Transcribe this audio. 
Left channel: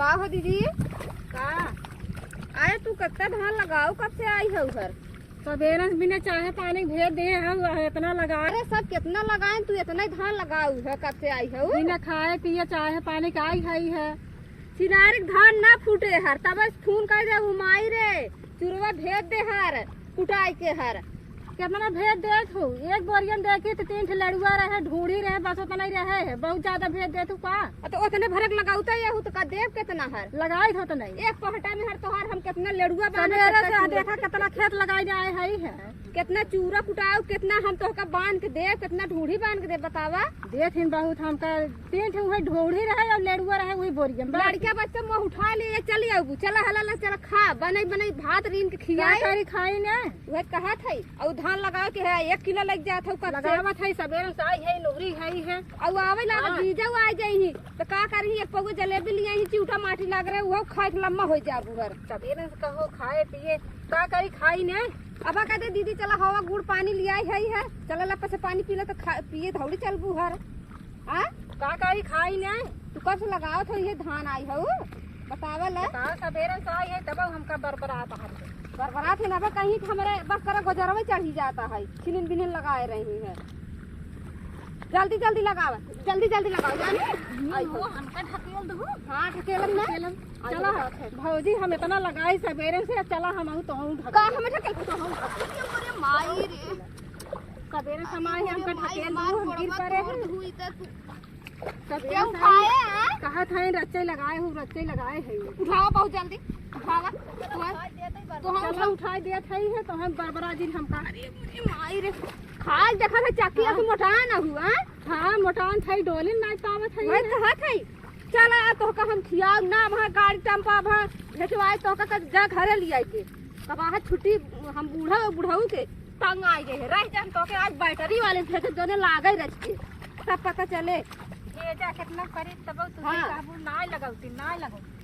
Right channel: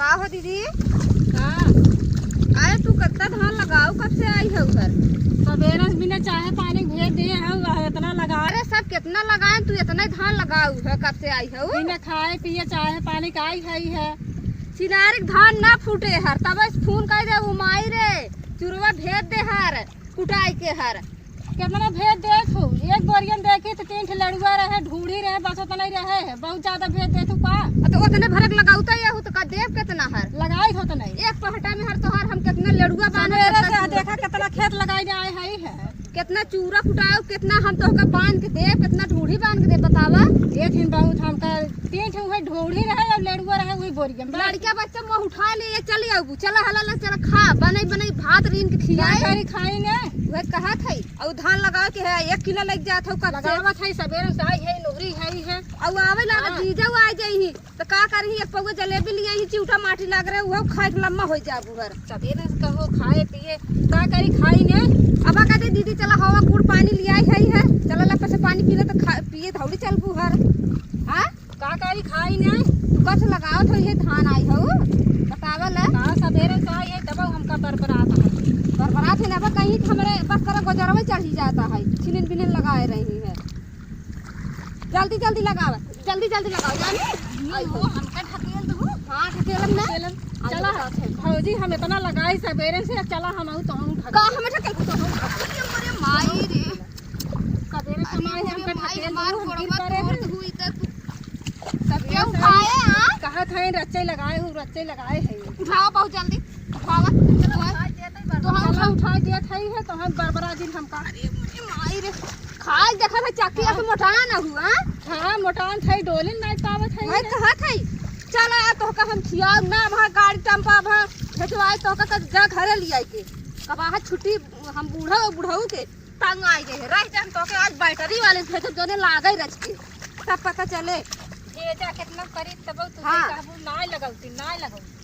का हो दीदी? का आए तू कितना धान लगाओ, कब से आई है उधर? सवेरे बिना चाहे पानी भेज दिए है इतना लगा अरे सब कितना लगाए, तू इतना धान लगाऊ है, कब से आई है? बिना खाए पिए चाहे पानी का ही है। सिनारिक धान ना फूटे हर तब फोन कर दे उमाई रे चुरवा भेज दे हर कुटाई के हर। कितना भेज दे तू? एक बोरियन देखी तो 3 लड़ुआ रहे ढूढ़ी रहे बस उतना ही रहे बहुत ज्यादा भेज दे तू का? तो उतने भरक लगाऊ तो ये तो का देव कितना हर लगाई हो तो नहीं एक पहटा में हर तोहार हम कितना लड़ुआ बांध सवेरे से देखा कितना खेत लगाई जाए है कितना चूरा कुटाओ, कितना हम तो का बांध के दे, कितना ढूढ़ी बांध के दे बतावा। एक दिन बहुत हमका 3 वही ढूढ़ी रहे और लड़ुआ रहे वही बोरियन लड़का बच्चा मुँह उठा ले चल आऊ चला हला चला खा बने बने भात रीन के खियाई खाई ने वह कहा थे और धान लगा के है 1 किलो लग जात हो कब से लगावत है सवेरे से आई है नौकरी है और आवे ला जीजा आ जाई तो का करही एक पगो जलेबी लिया ही चिउटा माटी लग रहे वो खाए के लम्मा हो जाबू घर सवेरे से कहो खाए पिए का करी खाई ने। अब कहते दीदी चला हवा गुड़ पानी लिया है चला लपा से पानी पी ले तो पिए धौड़ी चल बुहर। हाँ का करी खाई ने तू कब से लगाओ तो ये धान आई हो बतावा ला का सवेरे से आई है तब हमका बरबराता है बरबरात है ना कहीं हमारे बस कर गुजरा में चढ़ ही जाता है छिनिन बिनिन लगाए रही है। जल्दी जल्दी लगाओ जल्दी जल्दी लगाओ जानी आई हो हमका ढकेल दो। हाँ ढकेलन ना चला भौजी हम इतना लगाई सवेरे से चला हम आऊ तो हम का हमें ढकेल तो हम अरे माई रे सवेरे समय हमका ढकेल मार दो गिर कोड़वा पड़े तोड़ हुई त तू सवेरे क्या उठाए हां कहत है रच्चे लगाए है उठाओ बहुत जल्दी उठावा तो हम उठा देत है तो हम बरबरा दिन हमका अरे माई रे खाए देखा था चक्की से मोटा ना हुआ। हां मोटान थे डोलिन नहीं पावत है भाई कहा थे चल आ तो का हम खियाओ ना वहां गाड़ी टंपा भा भेजवाए तो का जा घरे लिया के कब आ छुट्टी हम बूढ़ाऊ के तंग आ गए रह जा तो के आज बैटरी वाले भेज जोने लागे रच के तब पता चले भेजा कितना करी तब तू हाँ। काबू ना लगाउती ना लगाऊ